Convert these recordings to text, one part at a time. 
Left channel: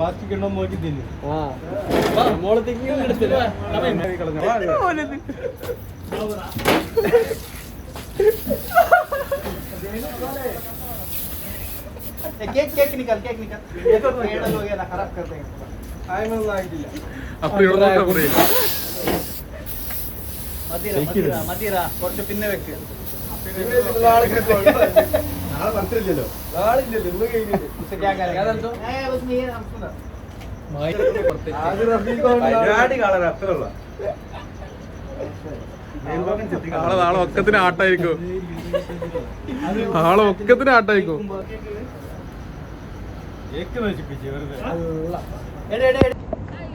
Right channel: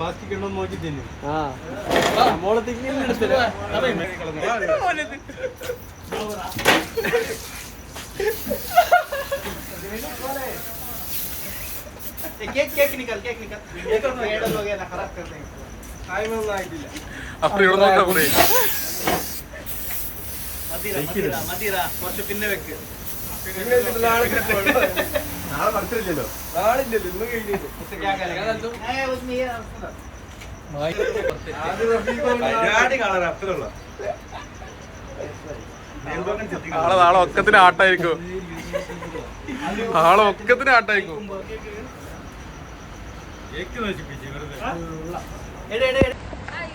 മാറ്റിക്കണ്ടോ നോക്കി തിന്നു മോളെ തിങ്ങി केक केक निकल ये तो पेड़ हो गया ना खराब कर देंगे टाइम होना आइडिया അപ്പോൾ ഇവിടെ നോക്കാം ബ്രോ മതിര മതിര മതിര കുറച്ച് പിന്നെ വെക്ക് നാളെ പറിച്ചില്ലല്ലോ നാളില്ലല്ലോ ഇന്ന് കഴിഞ്ഞു ഇപ്പൊ क्या करेगा उसमें ये പരിപാടി കളർ അത്രയുള്ള നാളെ ഒക്കത്തിന് ആട്ടായിരിക്കും ആട്ടായിരിക്കും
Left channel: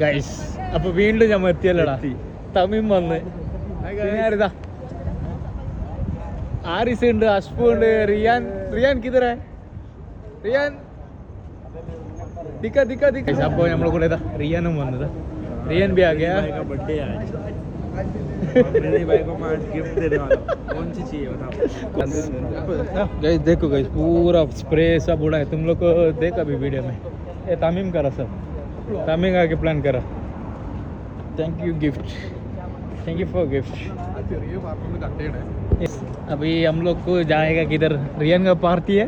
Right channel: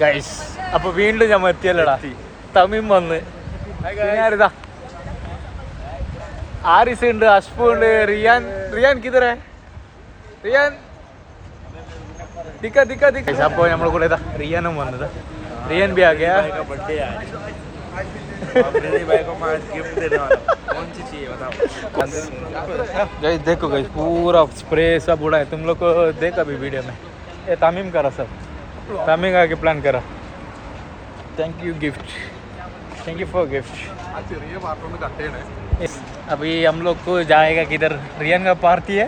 ഗൈസ് അപ്പൊ വീണ്ടും ഞാൻ എത്തിയല്ലോടാ തമിം വന്ന് ആരിതാ ആരിസ് ഉണ്ട് അഷ്പു ഉണ്ട് റിയാൻ റിയാൻ കിതറേ റിയാൻ ദിക്ക ദിക്ക ദിക്ക അപ്പൊ നമ്മളെ കൂടെ ഇതാ റിയാനും വന്നതാ रियन भी आ गया का बर्थडे आज अपने भाई को मैं गिफ्ट देने वाला हूं कौन सी चाहिए बताओ गाइस देखो गाइस पूरा स्प्रे सब उड़ा है तुम लोग को देखा अभी वीडियो में ये तामीम करा सब तामीम आके प्लान करा thank you gift thank you for gift अभी हम लोग को जाएगा किधर रियन का पार्टी है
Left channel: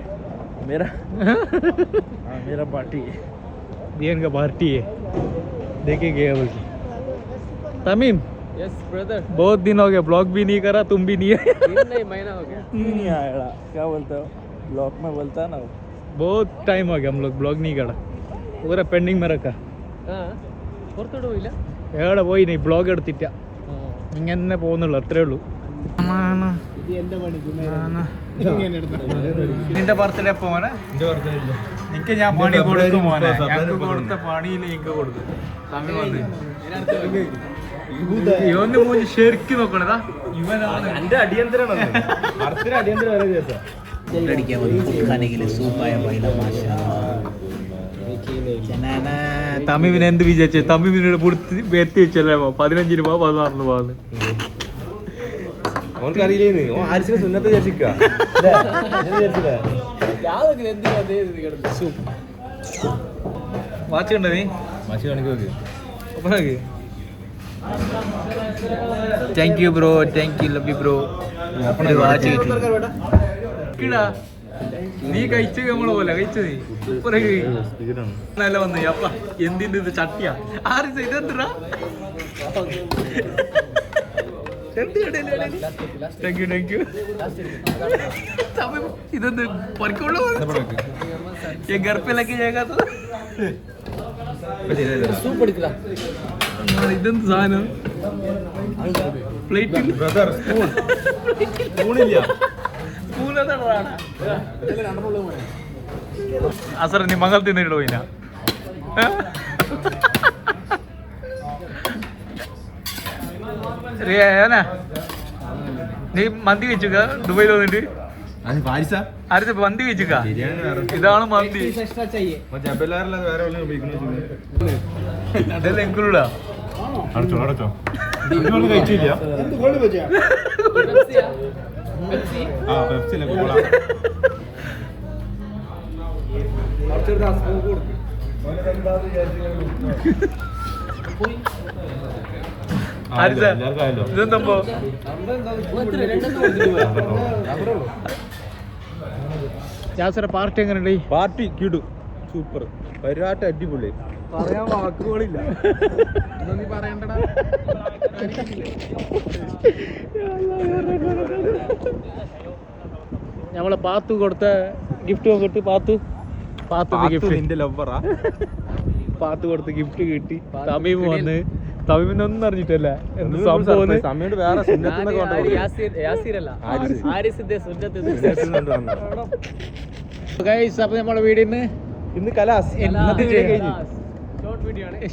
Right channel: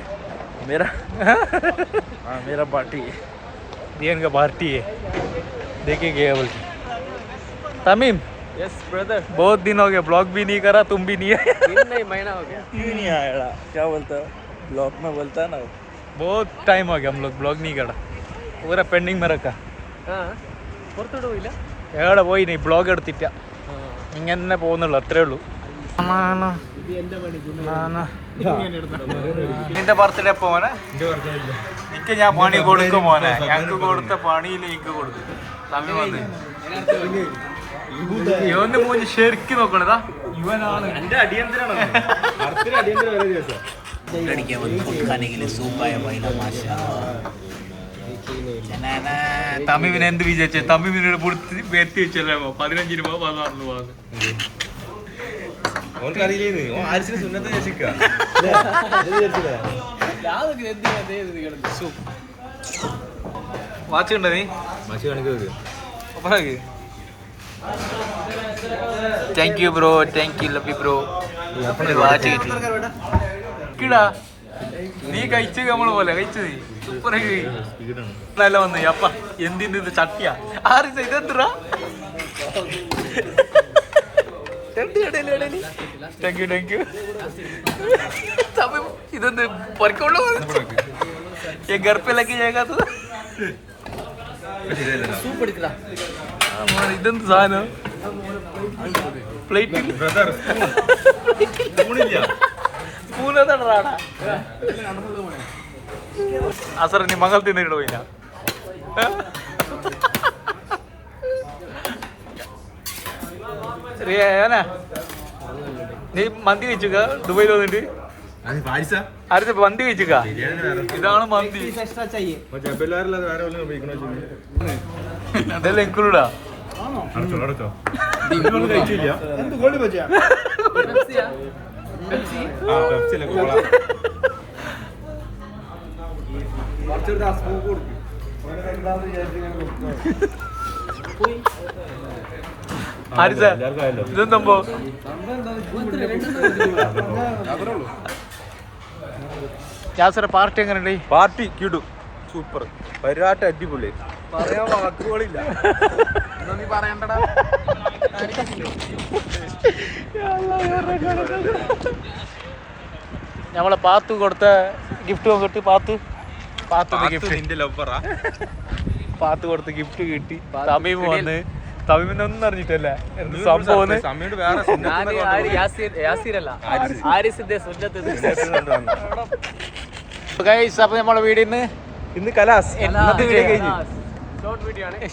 मेरा हाँ मेरा पार्टी है रियन का पार्टी है देखेंगे बोल के तमीम यस ब्रदर बहुत दिन हो गया ब्लॉग भी नहीं करा तुम भी नहीं आए नहीं महीना हो गया नहीं आया क्या बोलता है ब्लॉग में बोलता है ना बहुत टाइम हो गया हम लोग ब्लॉग नहीं करा पूरा पेंडिंग में रखा പുറത്തോട്ട് പോയില്ല എവിടെ പോയി നീ ബ്ലോഗ് എടുത്തിട്ട ഇങ്ങനെ തന്നെ പോകുന്നുള്ളൂ അത്രേ ഉള്ളൂ നിന്റെ ബർത്ത്ഡേ പോനെ എനിക്ക് ഞാൻ പണി കൊടുക്കും മോനെ ഞങ്ങൾക്ക് കൊടുത്ത പണിയിൽ എനിക്ക് കൊടുക്കും തമ്മിൽ വന്ന് ഇവന്റെ മൂന്ന് ശരിക്കും നോക്കണതാ ഇവനാണ് എന്റെ അടിയന്തരാണ് അടിയന്തര വരെ ദിവസം लड़कियां फूड खाने के लिए सूप आया भाई ना माशाल्लाह തമിവിനെ എന്ത് വിചാരിച്ചേ തമിവിനോട് കൊടുത്ത് എത്തി വെച്ചല്ലേ 15 രൂപ 16 രൂപ വാച്ച് ഉണ്ടോ നീ thank you bro thank you love you bro watch കിട്ടിടാ നീ കഴിച്ച നമ്മള് പോലെ കഴിച്ച നീ സൂപ്പർ നല്ല വന്നു അപ്പ എന്തിന്റെ ഇത് ചട്ടിയാ ആര് ഇതെന്താ താങ്ക് യു താങ്ക് യു ഇതൊന്ന് പൊറക്കുള്ളൂ ഗർപ്പിലൊക്കെ ചെയ്യാത്തത് ഇതെന്ത് സാധനം പ്ലേറ്റിൽ അസർ നീ മകൾ തിന്നിട്ട് പോയിനാ റിയാന നീ മന്തി വെച്ചുക ദുബൈയിൽ വന്നിട്ട് ആരുടെ മന്തി വെച്ചുക ഇതാണ് മന്തി ഇതെല്ലാം ഇൻക്ലൂഡാ കഴിച്ചില്ല ഇതെന്തോ ജാസറ പാർട്ടി എങ്ങനെയുണ്ട് പാർട്ടി കിടു സൂപ്പർ പരിപാടി അടിപൊളി പറയാൻ വാക്കുകളില്ല നീ പറയണ്ടടാ നമ്മളെ പാത്തു കൊടുത്ത ഗിഫ്റ്റ് നോക്കിട്ട് പാത്തു ഗിഫ്റ്റ് ലവറാ പാത്തു കൊടുത്ത ഗിഫ്റ്റ് കിട്ടി തമീം വന്ന് തമീമിനൊന്നും അറിഞ്ഞിട്ടല്ല എന്ത് സംഭവം സമയത്ത് വേറെ അപ്പൊ നമ്മളെ വീടിന്ന് ഇന്ന് കലാസ്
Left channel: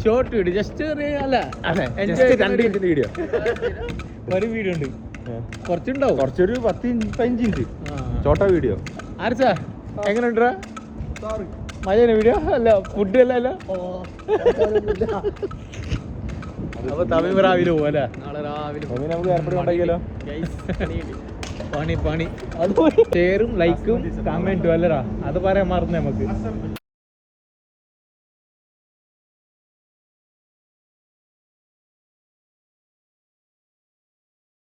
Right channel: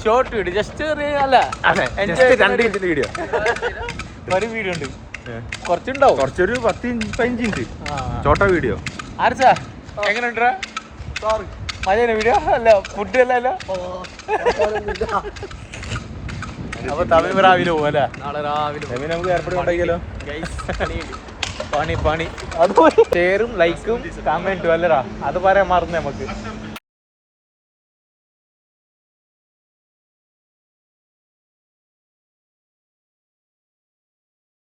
ഷോർട്ട് വീഡിയോ ജസ്റ്റ് അല്ല എൻജോയ് വീഡിയോ ഒരു വീഡിയോ ഉണ്ട് കുറച്ചുണ്ടാവും കുറച്ചൊരു 10-15 മിനിറ്റ് ചോട്ട വീഡിയോ ആർച്ചാ എങ്ങനെയുണ്ടാ മഴയാണ് വീഡിയോ അല്ല ഫുഡ് അല്ല അപ്പൊ തമിഴ് രാവിലെ പോകും അല്ലേ നമുക്ക് ഏർപ്പെടും ഉണ്ടാക്കിയാലോ പണി അത് ഷെയറും ലൈക്കും കമന്റും അല്ലടാ, അത് പറയാൻ മറന്നു നമുക്ക്.